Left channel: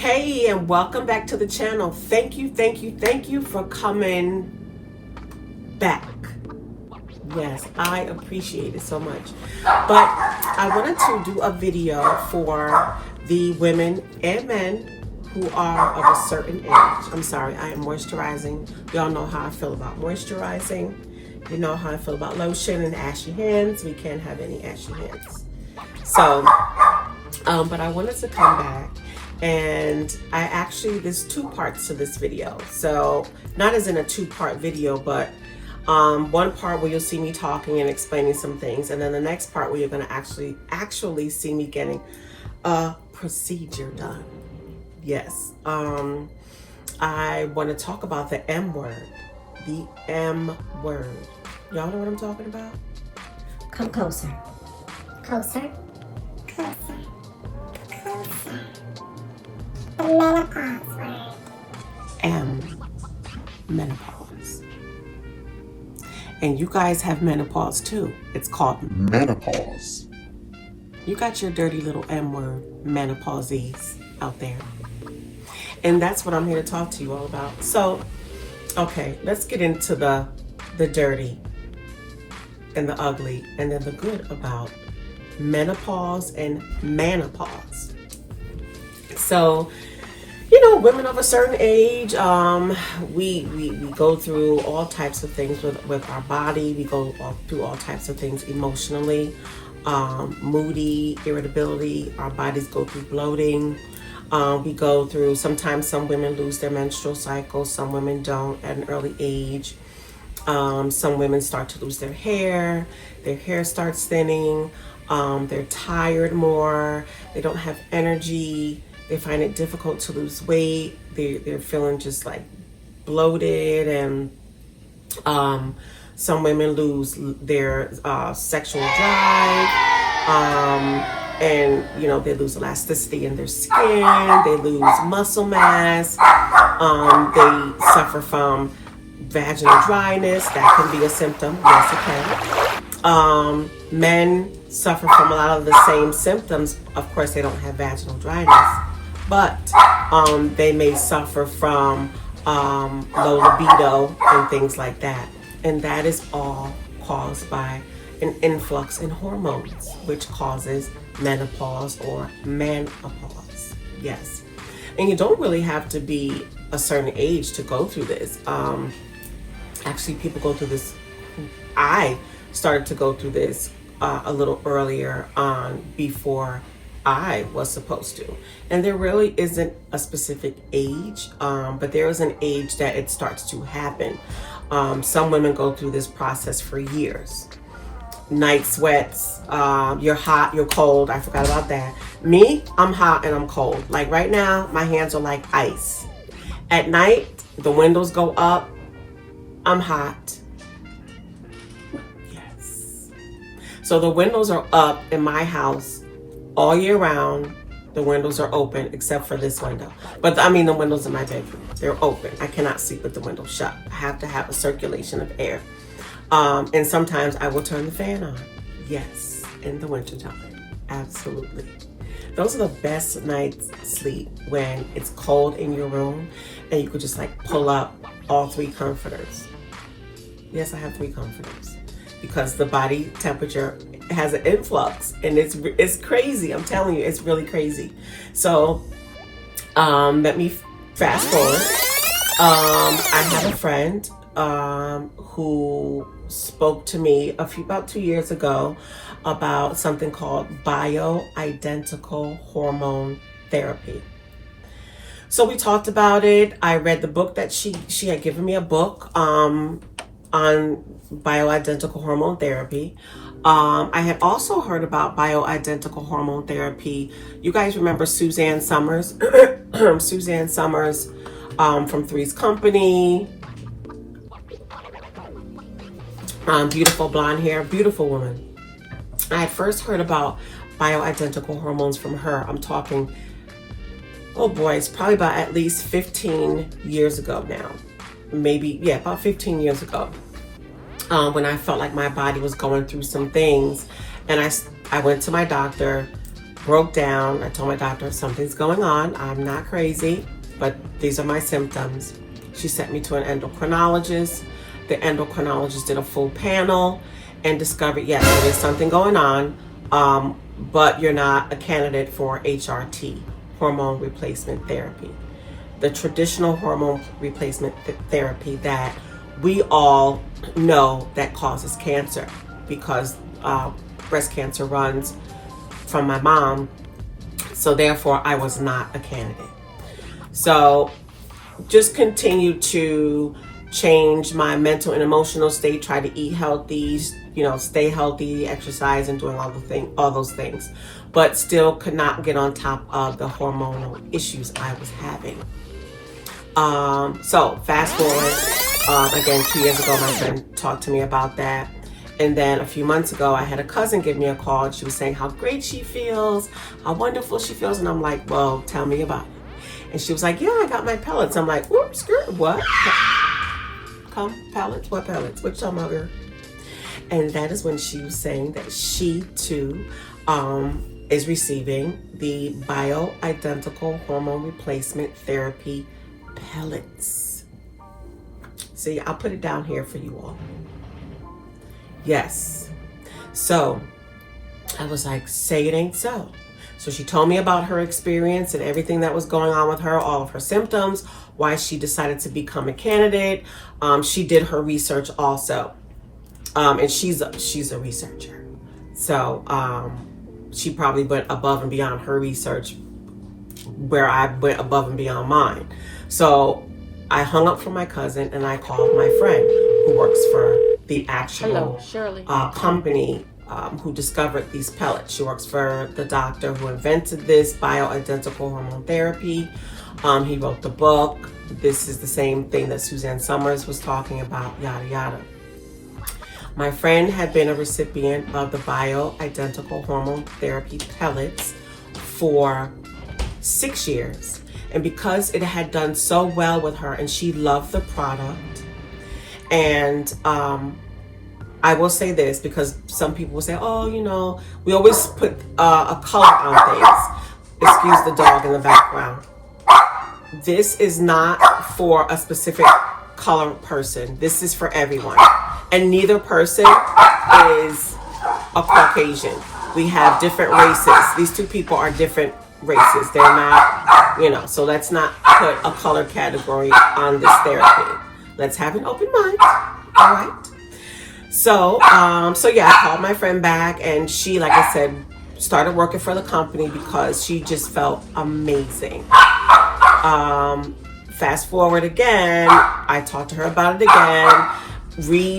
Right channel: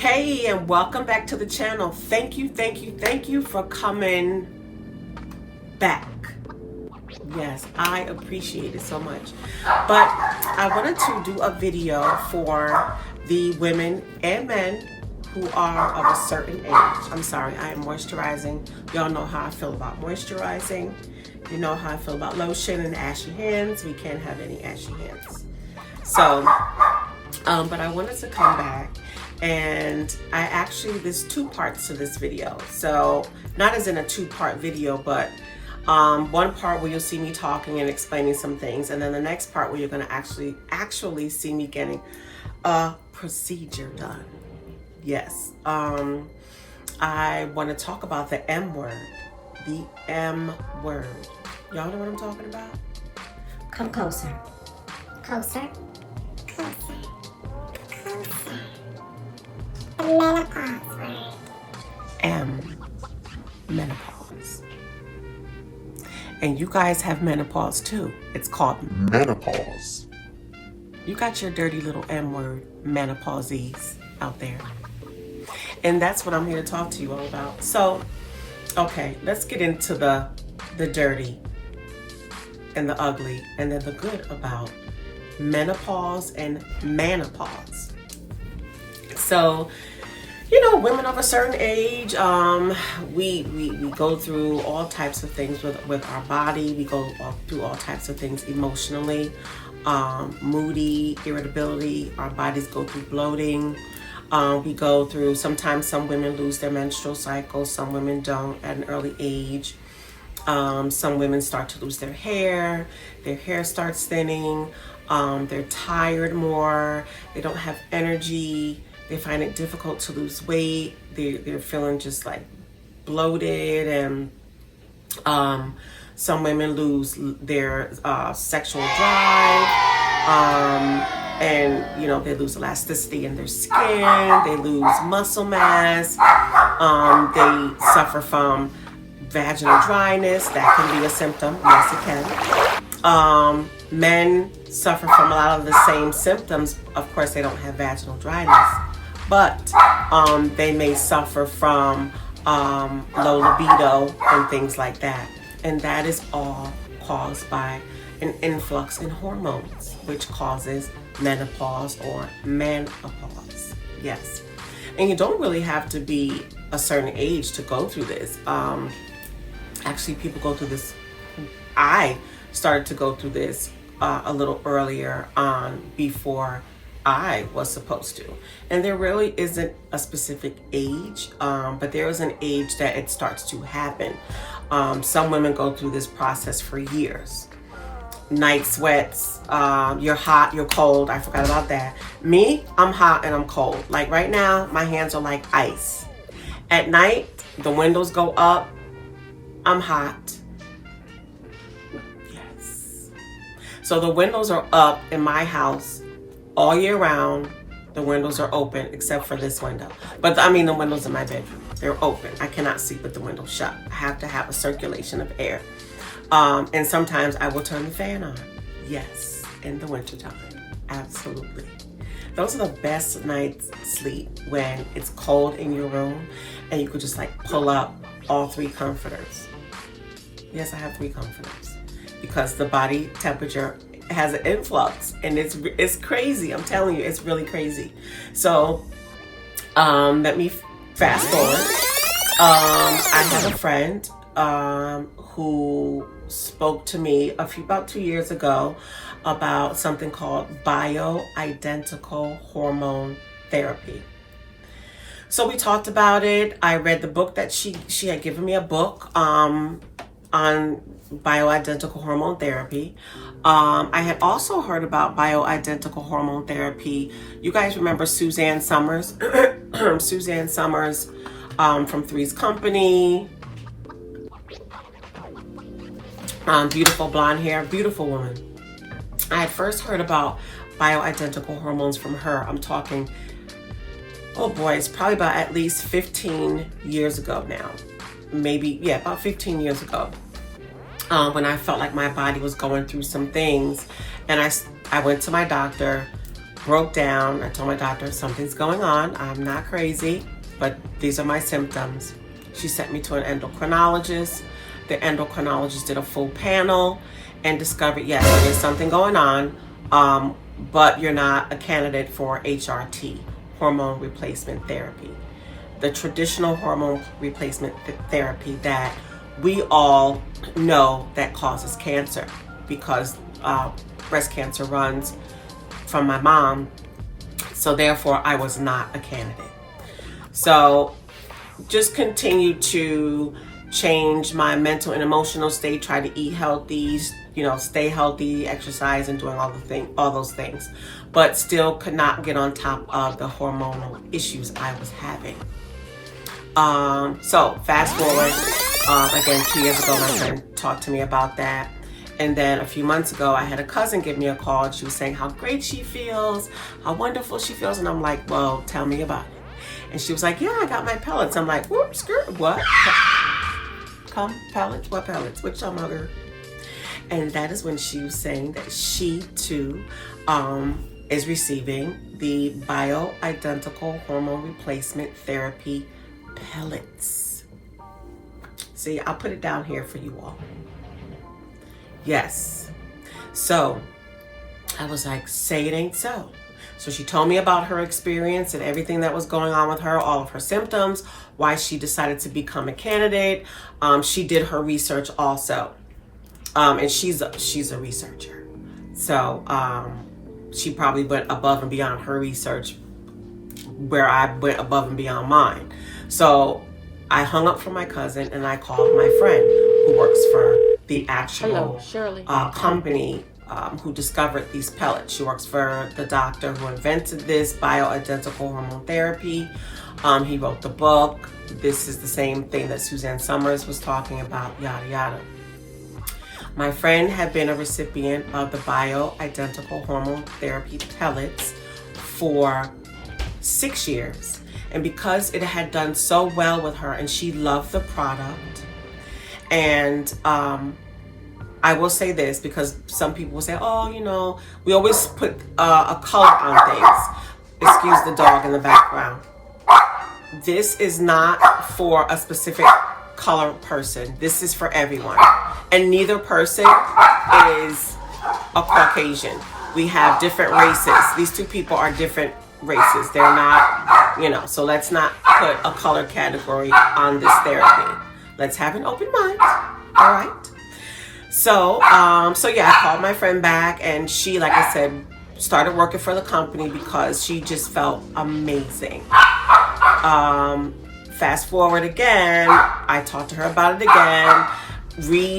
Hey, and welcome back to the channel. Thank you for coming back. Yes, I appreciate it so much. But I wanted to do a video for the women and men who are of a certain age. I'm sorry, I am moisturizing. Y'all know how I feel about moisturizing. You know how I feel about lotion and ashy hands. We can't have any ashy hands. So, but I wanted to come back, and there's two parts to this video. So not as in a two-part video, but one part where you'll see me talking and explaining some things, and then the next part where you're going to actually see me getting a procedure done. Yes. I want to talk about the M word. The M word. Y'all know what I'm talking about? Come closer. Closer. Closer. Closer. The menopause word. M. Menopause. And you guys have menopause too. It's called menopause. You got your dirty little M word, menopausees out there. And that's what I'm here to talk to you all about. So, okay, let's get into the dirty and the ugly and then the good about menopause and menopause. So, you know, women of a certain age, we go through all types of things with our body. We go through all types of things emotionally, moody, irritability. Our bodies go through bloating. We go through, sometimes some women lose their menstrual cycle. Some women don't at an early age. Some women start to lose their hair starts thinning. They're tired more. They don't have energy. They find it difficult to lose weight. They're feeling just like bloated, and some women lose their sexual drive, and you know, they lose elasticity in their skin. They lose muscle mass. They suffer from vaginal dryness. That can be a symptom. Yes, it can. Men suffer from a lot of the same symptoms. Of course, they don't have vaginal dryness, but they may suffer from low libido and things like that. And that is all caused by an influx in hormones, which causes menopause or menopause. Yes. And you don't really have to be a certain age to go through this. Actually, people go through this. I started to go through this a little earlier on, before I was supposed to. And there really isn't a specific age, but there is an age that it starts to happen. Some women go through this process for years. Night sweats, you're hot, you're cold. I forgot about that. Me, I'm hot and I'm cold. Like right now, my hands are like ice. At night, the windows go up. I'm hot. Yes. So the windows are up in my house all year round. The windows are open except for this window. But I mean the windows in my bedroom, they're open. I cannot sleep with the window shut. I have to have a circulation of air. And sometimes I will turn the fan on. Yes, in the wintertime. Absolutely. Those are the best nights sleep, when it's cold in your room and you could just like pull up all 3 comforters. Yes, I have 3 comforters because the body temperature has an influx, and it's crazy. I'm telling you, it's really crazy. So let me fast forward. I have a friend who spoke to me about 2 years ago about something called bioidentical hormone therapy. So we talked about it. I read the book that she had given me, a book on bioidentical hormone therapy. I had also heard about bioidentical hormone therapy. You guys remember Suzanne Summers? Suzanne Summers from Three's Company. Beautiful blonde hair, beautiful woman. I had first heard about bioidentical hormones from her. I'm talking, oh boy, it's probably about at least 15 years ago now. Maybe, yeah, about 15 years ago. When I felt like my body was going through some things, and I went to my doctor broke down. I told my doctor, something's going on. I'm not crazy, but these are my symptoms. She sent me to an endocrinologist. The endocrinologist did a full panel and discovered, yes, there's something going on, but you're not a candidate for HRT, hormone replacement therapy. The traditional hormone replacement therapy that we all know that causes cancer, because breast cancer runs from my mom, so therefore I was not a candidate. So just continue to change my mental and emotional state, try to eat healthy, stay healthy, exercise, and doing all those things, but still could not get on top of the hormonal issues I was having. So fast forward, again, 2 years ago, my friend talked to me about that. And then a few months ago, I had a cousin give me a call, and she was saying how great she feels, how wonderful she feels. And I'm like, well, tell me about it. And she was like, yeah, I got my pellets. I'm like, whoops, skirt, what? Pellets? What pellets? Which mother? And that is when she was saying that she too is receiving the bioidentical hormone replacement therapy pellets. See, I'll put it down here for you all. Yes. So I was like, say it ain't so. So she told me about her experience and everything that was going on with her, all of her symptoms, why she decided to become a candidate. She did her research also. And she's a researcher. So she probably went above and beyond her research where I went above and beyond mine. So I hung up from my cousin and I called my friend who works for the actual company who discovered these pellets. She works for the doctor who invented this bioidentical hormone therapy. He wrote the book. This is the same thing that Suzanne Summers was talking about, yada, yada. My friend had been a recipient of the bioidentical hormone therapy pellets for 6 years. And because it had done so well with her and she loved the product, and I will say this because some people will say, oh, we always put a color on things. Excuse the dog in the background. This is not for a specific color person. This is for everyone. And neither person is a Caucasian. We have different races. These two people are different races. They're not, so let's not put a color category on this therapy. Let's have an open mind. All right. So yeah, I called my friend back and she, like I said, started working for the company because she just felt amazing. Fast forward again, I talked to her about it again.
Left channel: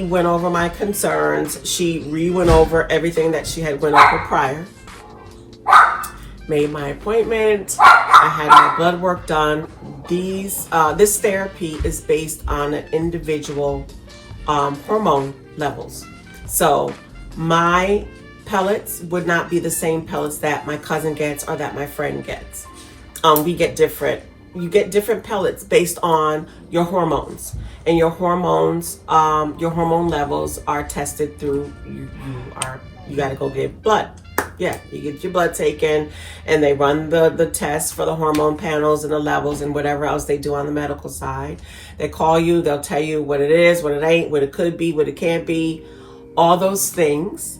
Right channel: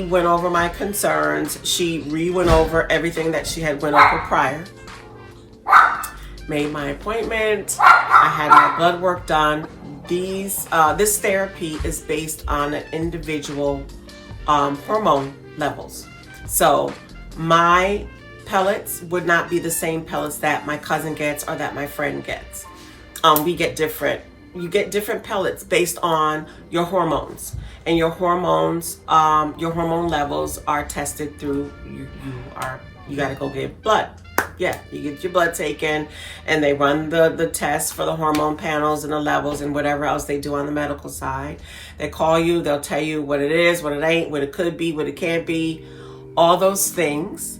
Went over my concerns. She went over everything that she had went over prior. Made my appointment. I had my blood work done. This therapy is based on an individual hormone levels. So my pellets would not be the same pellets that my cousin gets or that my friend gets. You get different pellets based on your hormones, and your hormones, your hormone levels are tested through, you got to go get blood. Yeah, you get your blood taken and they run the tests for the hormone panels and the levels and whatever else they do on the medical side. They call you, they'll tell you what it is, what it ain't, what it could be, what it can't be, all those things.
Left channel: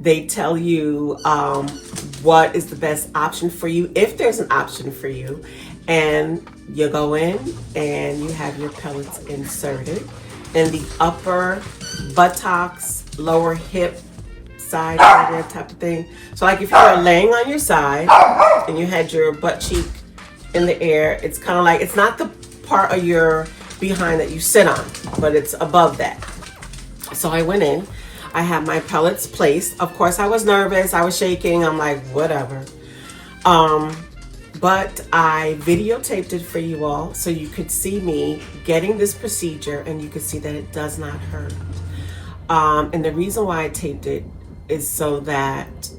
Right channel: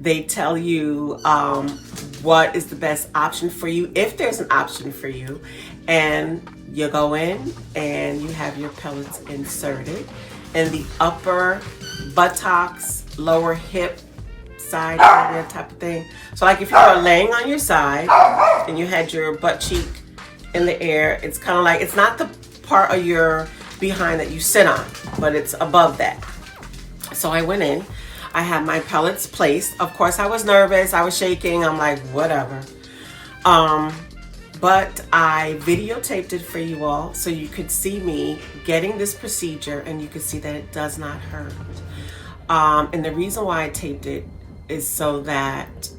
They tell you what is the best option for you, if there's an option for you. And you go in and you have your pellets inserted in the upper buttocks, lower hip side area type of thing. So like if you were laying on your side and you had your butt cheek in the air, it's kind of like, it's not the part of your behind that you sit on, but it's above that. So I went in, I had my pellets placed. Of course I was nervous, I was shaking, I'm like, whatever. But I videotaped it for you all so you could see me getting this procedure and you could see that it does not hurt. And the reason why I taped it is so that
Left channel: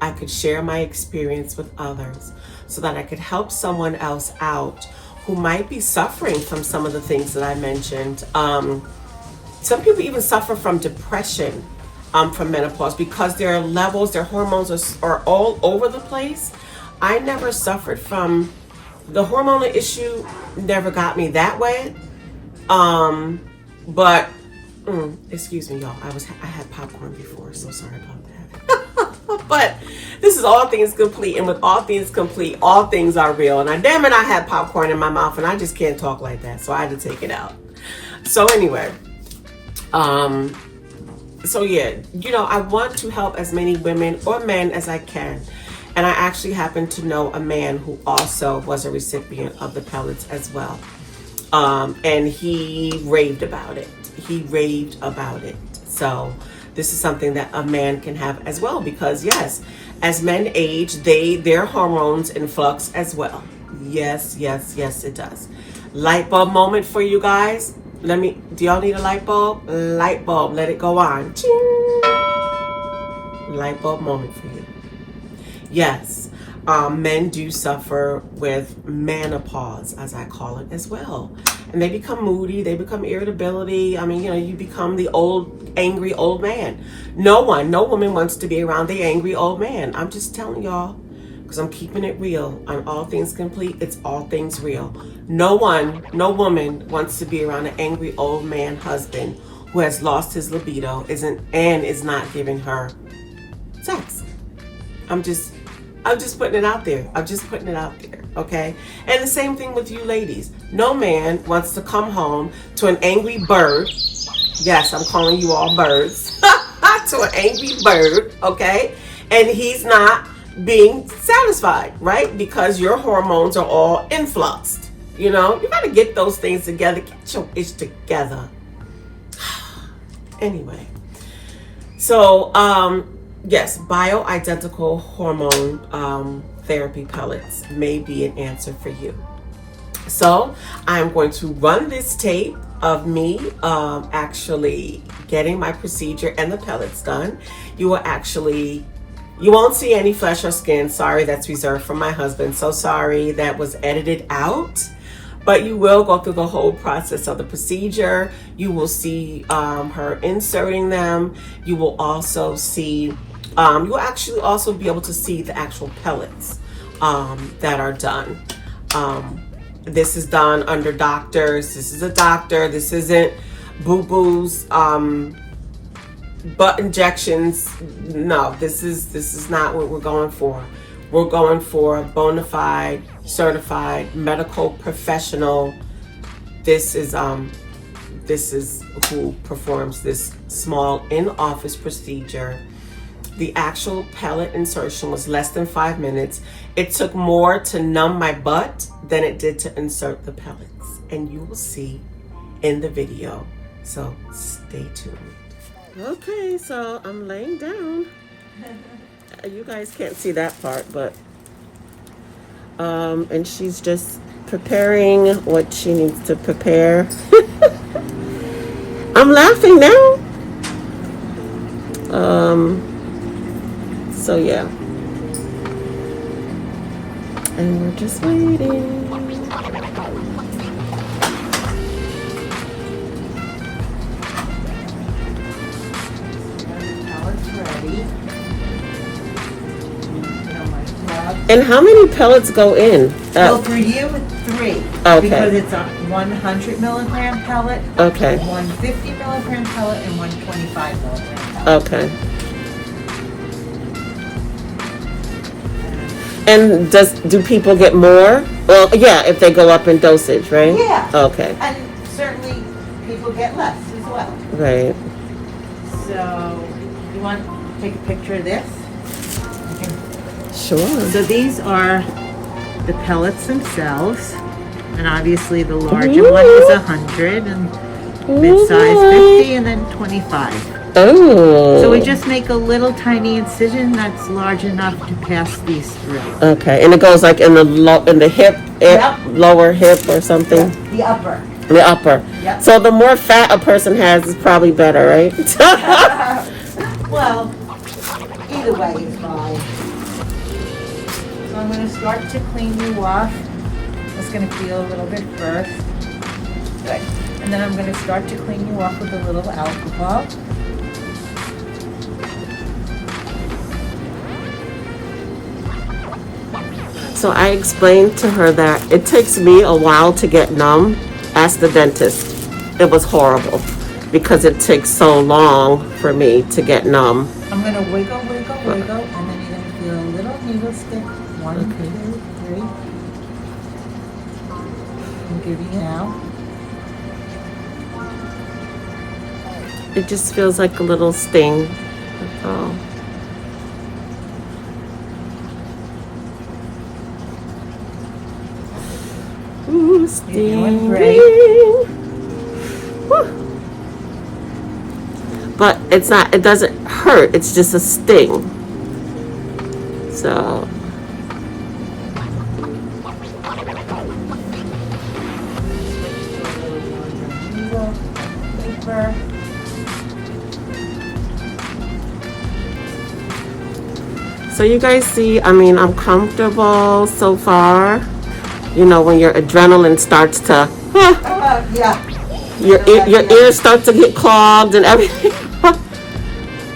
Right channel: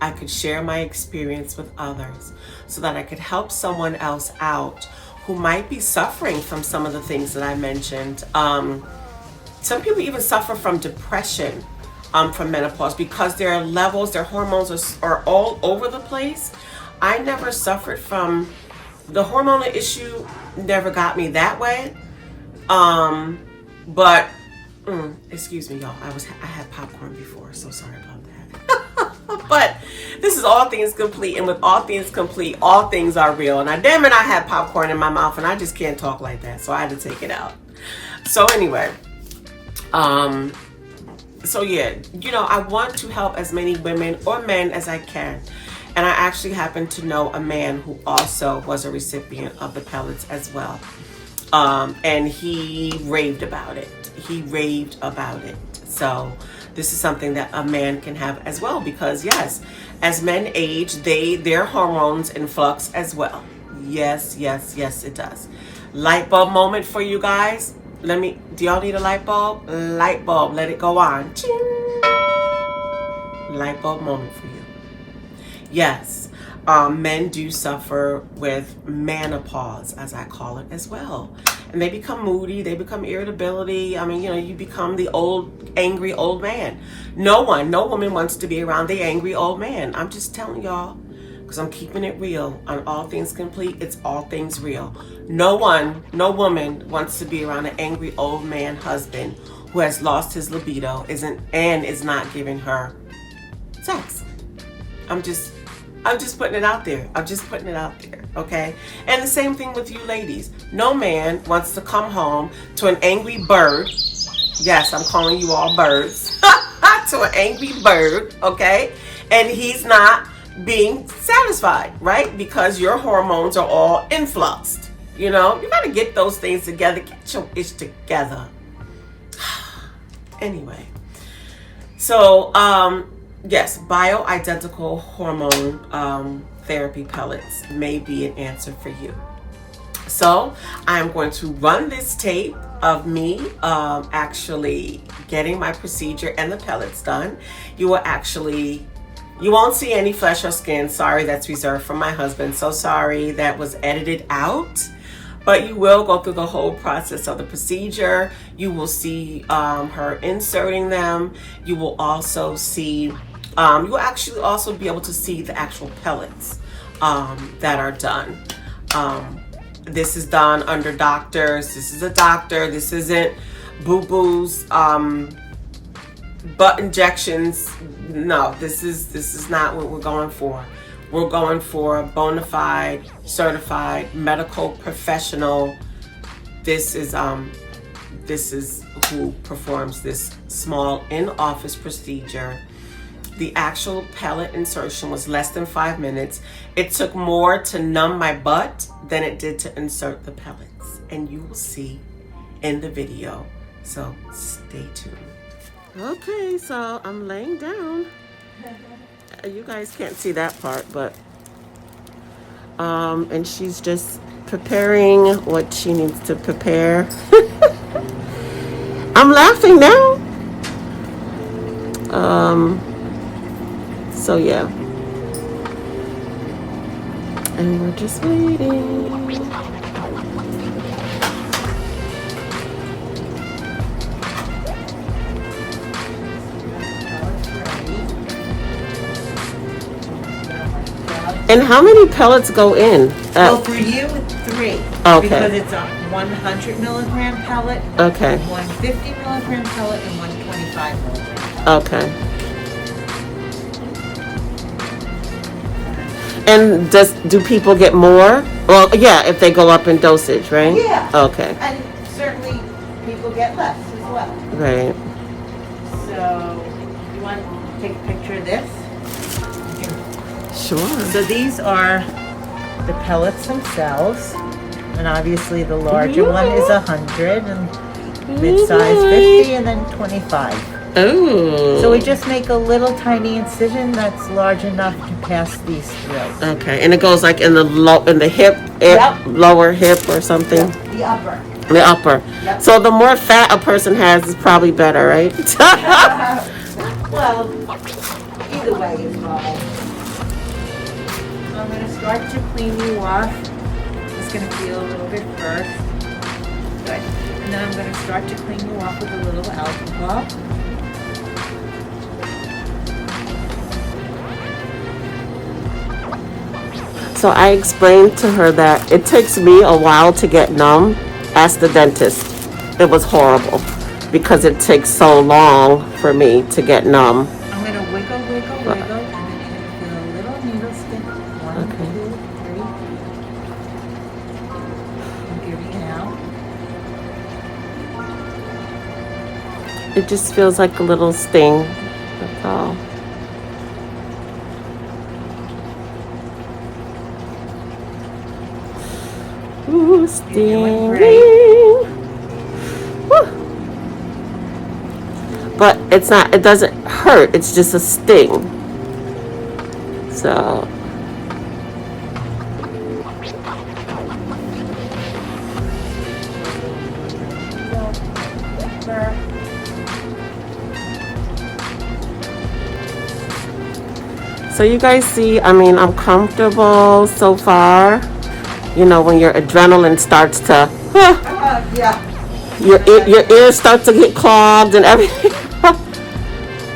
I could share my experience with others, so that I could help someone else out who might be suffering from some of the things that I mentioned. Some people even suffer from depression from menopause, because their levels, their hormones are all over the place. I never suffered from the hormonal issue, never got me that way. But excuse me, y'all. I had popcorn before, so sorry about that. But this is all things complete, and with all things complete, all things are real. And damn it, I had popcorn in my mouth, and I just can't talk like that, so I had to take it out. So anyway, so yeah, I want to help as many women or men as I can. And I actually happen to know a man who also was a recipient of the pellets as well. And he raved about it. So this is something that a man can have as well, because yes, as men age, their hormones influx as well. Yes, it does. Light bulb moment for you guys. Do y'all need a light bulb? Light bulb, let it go on. Ching! Light bulb moment for you. Yes, men do suffer with menopause, as I call it, as well. And they become moody, they become irritability. I mean, you become the angry old man. No woman wants to be around the angry old man. I'm just telling y'all, because I'm keeping it real. On All Things Complete, it's all things real. No woman wants to be around an angry old man husband who has lost his libido, is not giving her sex. I'm just putting it out there. Okay? And the same thing with you ladies. No man wants to come home to an angry bird. Yes, I'm calling you all birds. To an angry bird, okay? And he's not being satisfied, right? Because your hormones are all influxed. You got to get those things together. Get your ish together. Anyway. So, yes, bioidentical hormone therapy pellets may be an answer for you. So I'm going to run this tape of me actually getting my procedure and the pellets done. You won't see any flesh or skin. Sorry, that's reserved for my husband. So sorry, that was edited out. But you will go through the whole process of the procedure. You will see her inserting them. You will also see, you will actually also be able to see the actual pellets that are done. This is done under doctors. This is a doctor. This isn't boo-boos, butt injections. No, this is not what we're going for. We're going for a bona fide, certified medical professional. This is who performs this small in-office procedure. The actual pellet insertion was less than 5 minutes. It took more to numb my butt than it did to insert the pellets. And you will see in the video. So stay tuned. Okay, so I'm laying down. You guys can't see that part, but and she's just preparing what she needs to prepare. I'm laughing now. So yeah, and we're just waiting. And how many pellets go in? Well, for you, 3. Okay. Because it's a 100 milligram pellet, Okay. 150 milligram pellet, and 125 milligram pellet. Okay. And do people get more? Well, yeah, if they go up in dosage, right? Yeah. Okay. And certainly people get less as well. Right. So, you want to take a picture of this? Sure. So these are the pellets themselves. And obviously the larger one is 100, and mid-size 50, and then 25. Oh. So we just make a little tiny incision that's large enough to pass these through. Okay, and it goes like in the hip, lower hip or something. Yep. The upper. The upper. Yep. So the more fat a person has is probably better, right? Well, either way is fine. So I'm going to start to clean you off. Just going to feel a little bit first. Good. And then I'm going to start to clean you off with a little alcohol. So I explained to her that it takes me a while to get numb. Ask the dentist. It was horrible because it takes so long for me to get numb. I'm going to wiggle, and then you're going to feel a little needle stick. 1, Okay. 2, 3. I'm giving it out. It just feels like a little sting. That's all. Ooh, stinging. Woo. But it's not, it doesn't hurt. It's just a sting. So. So you guys see, I mean, I'm comfortable so far. You know, when your adrenaline starts to, Yeah. your ears start to get clogged and everything.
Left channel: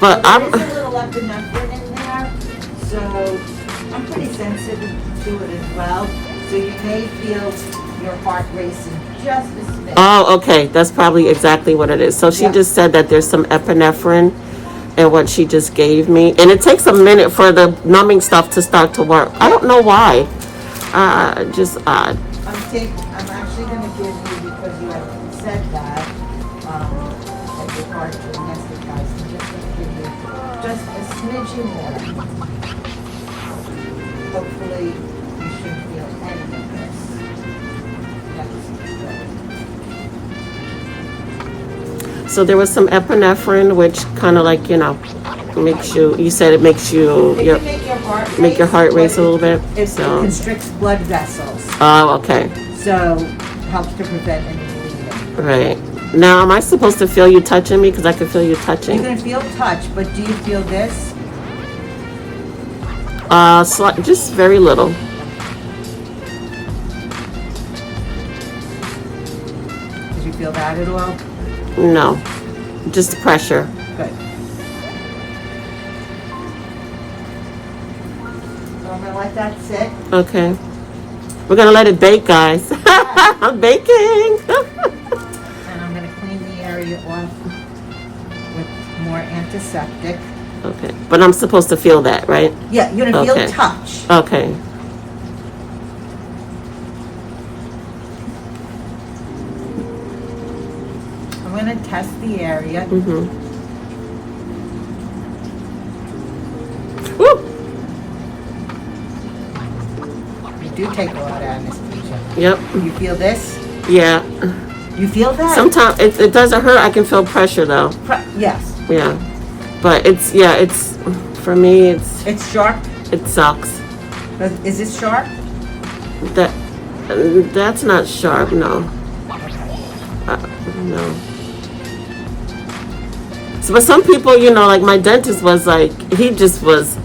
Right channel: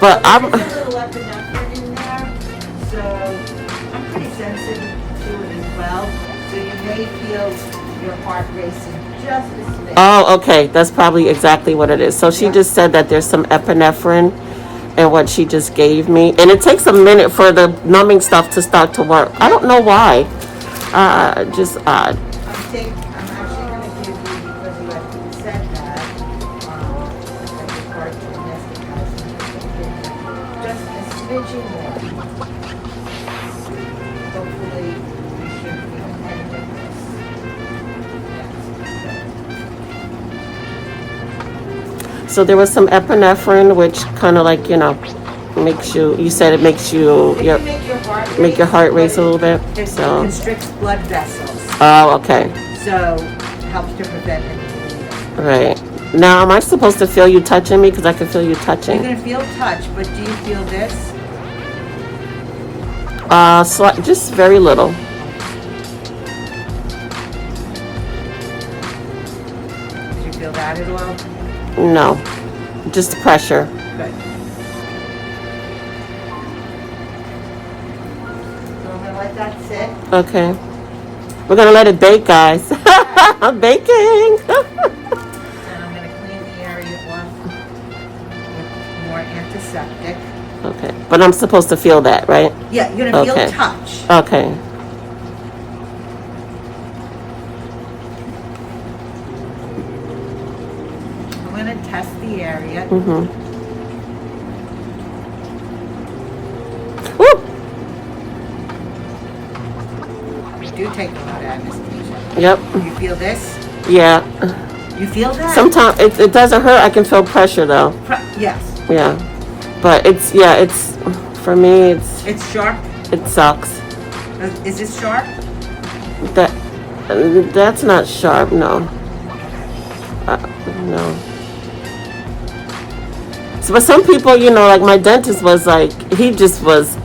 But I'm. There's a little epinephrine in there, so I'm pretty sensitive to it as well. So you may feel your heart racing just a bit. Oh, okay. That's probably exactly what it is. So she just said that there's some epinephrine in what she just gave me. And it takes a minute for the numbing stuff to start to work. I don't know why. Just odd. I'm actually going to give you, because you had said that your heart to anesthetize, I'm just going to give you just a smidgen more. Hopefully you shouldn't feel any of this. So there was some epinephrine, which kind of like, you know, makes you, you said it makes you, It can make your heart race a little bit. It So. constricts blood vessels, Oh, okay. so helps to prevent any bleeding. Right. Now, am I supposed to feel you touching me? Because I can feel you touching. You're going to feel touch, but do you feel this? Just very little. Do you feel that at all? No. Just pressure. Good. So I'm going to let that sit. Okay. We're going to let it bake, guys. I'm baking. And I'm going to clean the area off with more antiseptic. Okay. But I'm supposed to feel that, right? Yeah, you're going to Okay. feel touch. Okay. I'm going to test the area. Mm-hmm. Woo! You do take a lot of anesthesia. Yep. You feel this? Yeah. You feel that? Sometimes it doesn't hurt. I can feel pressure, though. Yes. Yeah. But it's, for me, It's sharp. it sucks. Is it sharp? That's not sharp, no. No. So, but some people, you know, like my dentist was like, he just was,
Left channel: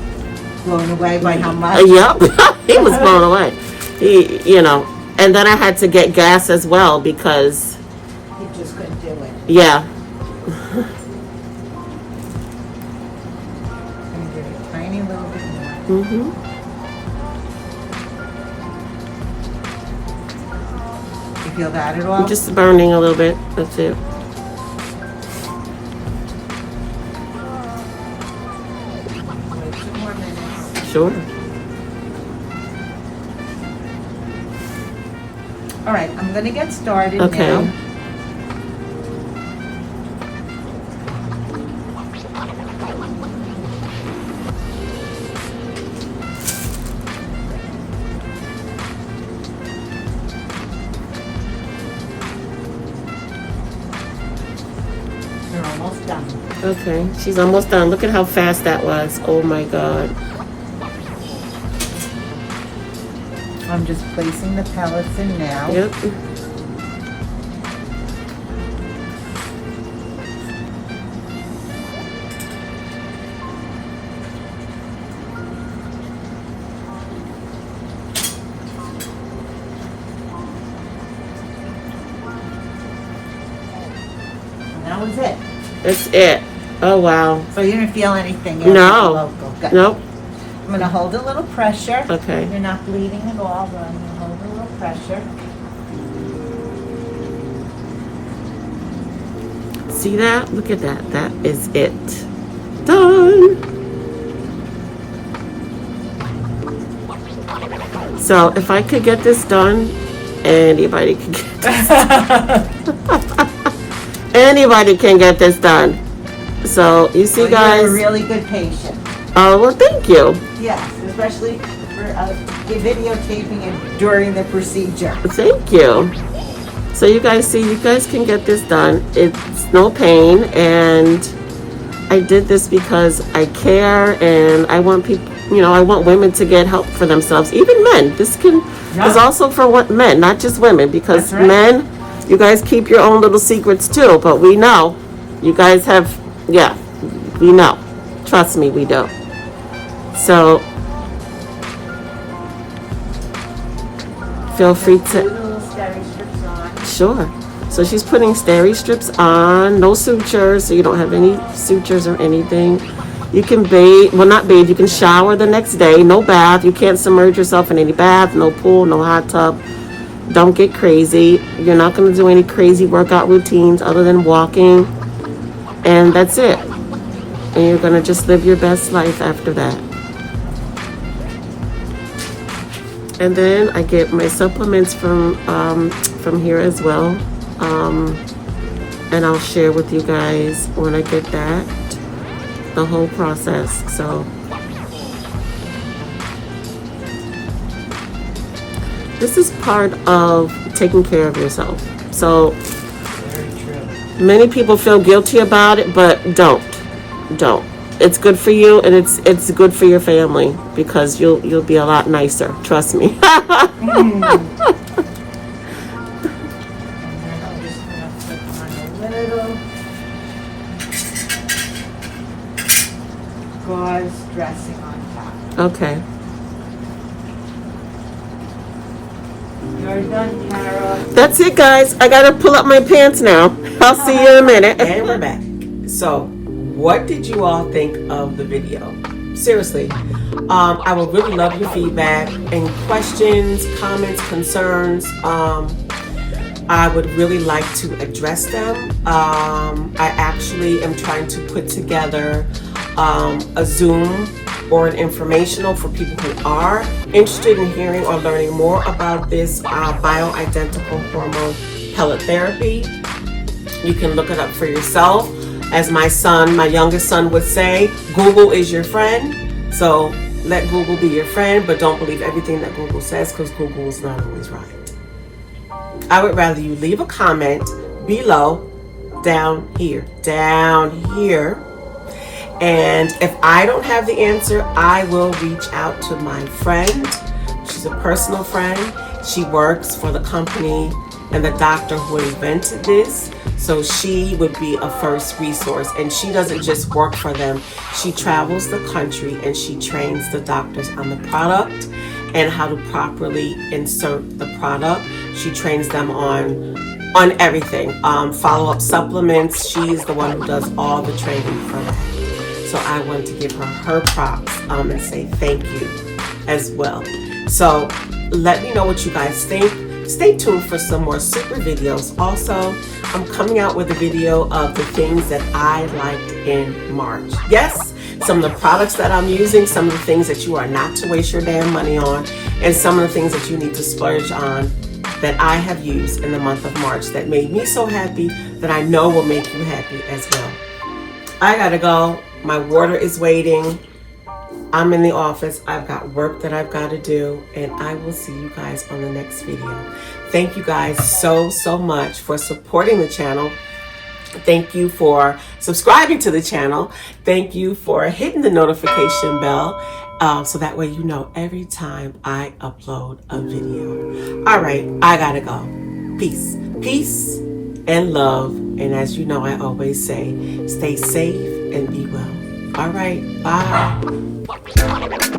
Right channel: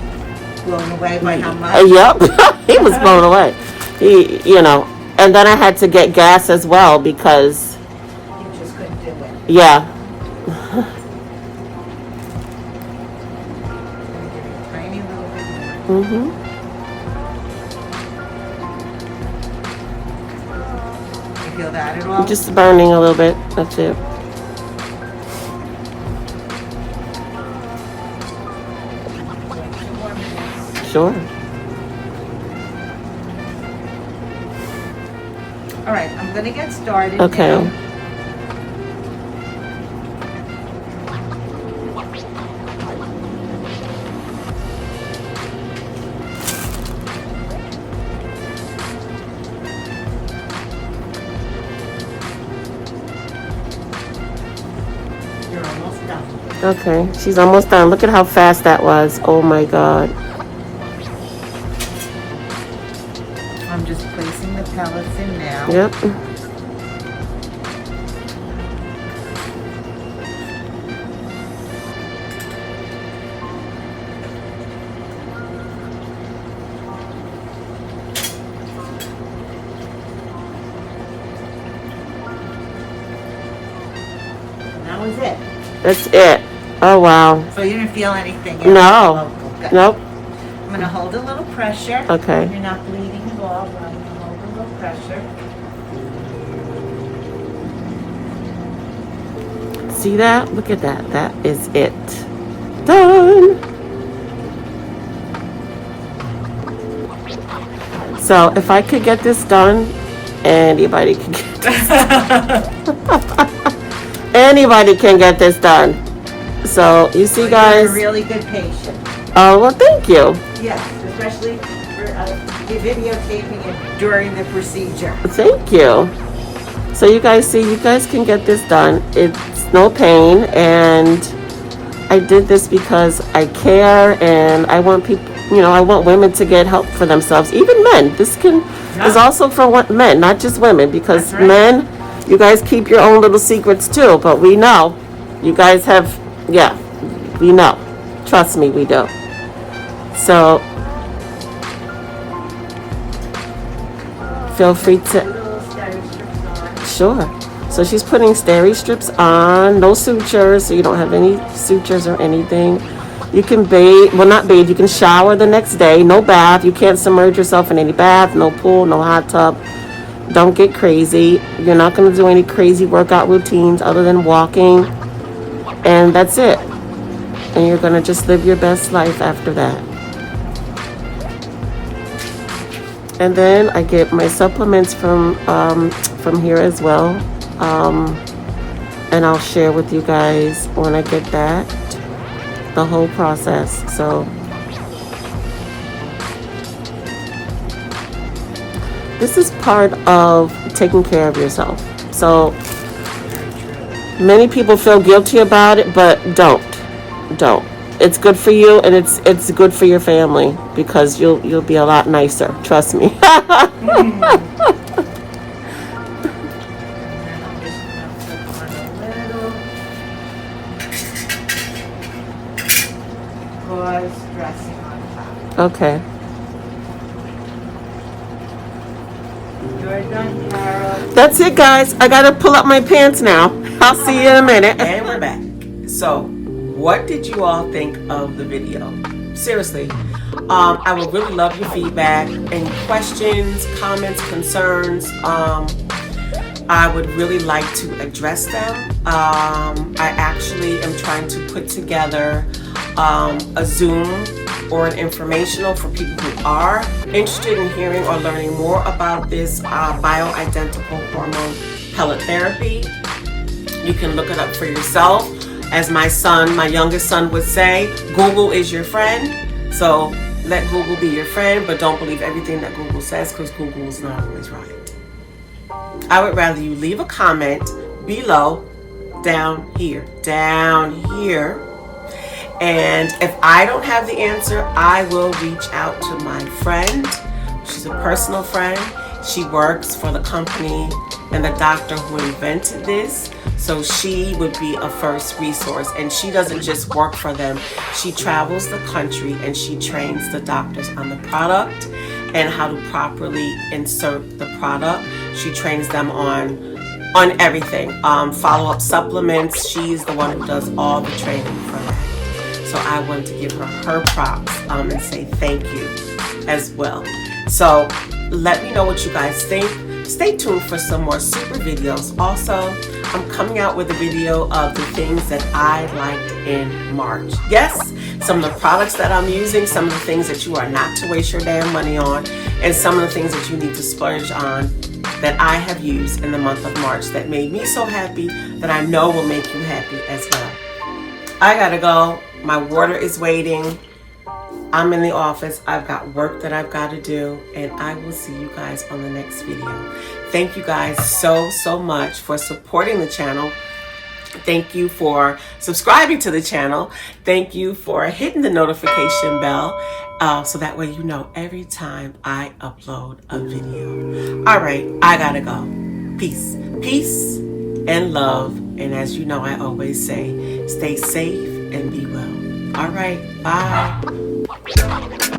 Blown away by how much? yep, he was blown away. He, you know, and then I had to get gas as well because, You just couldn't do it. yeah. Get a tiny little bit more. Mm-hmm. You feel that at all? Just burning a little bit. That's it. Wait 2 more minutes. Sure. All right, I'm gonna get started Okay. now. You're almost done. Okay. She's almost done. Look at how fast that was. Oh my God. I'm just placing the pellets in now. Yep. And that was it. That's it. Oh wow. So you didn't feel anything? No. Good. Nope. I'm gonna hold a little pressure. Okay. You're not bleeding at all, but I'm gonna hold a little pressure. See that? Look at that. That is it. Done. So if I could get this done, anybody can get this anybody can get this done. So you see, guys. You're a really good patient. Oh, well, thank you. Yes, especially for videotaping it during the procedure. Thank you. So you guys see, you guys can get this done. It's no pain, and I did this because I care, and I want people, you know, I want women to get help for themselves, even men. This is also for men, not just women, because men, you guys keep your own little secrets too, but we know. You guys have, yeah, we know. Trust me, we do. So, feel free to, sure. So she's putting steri strips on, no sutures, so you don't have any sutures or anything. You can bathe, well, not bathe, you can shower the next day, no bath. You can't submerge yourself in any bath, no pool, no hot tub. Don't get crazy. You're not going to do any crazy workout routines other than walking, and that's it. And you're going to just live your best life after that. And then I get my supplements from here as well. And I'll share with you guys when I get that, the whole process. So this is part of taking care of yourself. So many people feel guilty about it, but don't. It's good for you, and it's good for your family, because you'll be a lot nicer. Trust me. Gauze dressing on top. Okay. You're done, Carol. That's it, guys. I gotta pull up my pants now. I'll see you in a minute. And we're back. So, what did you all think of the video? Seriously, I would really love your feedback. Any questions, comments, concerns? I would really like to address them. I actually am trying to put together a Zoom or an informational for people who are interested in hearing or learning more about this bioidentical hormone pellet therapy. You can look it up for yourself. As my youngest son would say, Google is your friend. So let Google be your friend, but don't believe everything that Google says, because Google is not always right. I would rather you leave a comment below, down here. And if I don't have the answer, I will reach out to my friend. She's a personal friend. She works for the company and the doctor who invented this. So she would be a first resource. And she doesn't just work for them. She travels the country and she trains the doctors on the product and how to properly insert the product. She trains them on everything. Follow-up supplements. She is the one who does all the training for that. So I want to give her props and say thank you as well. So let me know what you guys think. Stay tuned for some more super videos. Also, I'm coming out with a video of the things that I liked in March. Yes, some of the products that I'm using, some of the things that you are not to waste your damn money on, and some of the things that you need to splurge on that I have used in the month of March that made me so happy, that I know will make you happy as well. I gotta go. My water is waiting. I'm in the office. I've got work that I've got to do, and I will see you guys on the next video. Thank you guys so much for supporting the channel. Thank you for subscribing to the channel. Thank you for hitting the notification bell, so that way you know every time I upload a video. All right, I gotta go. Peace and love. And as you know, I always say, stay safe and be well. All right, bye.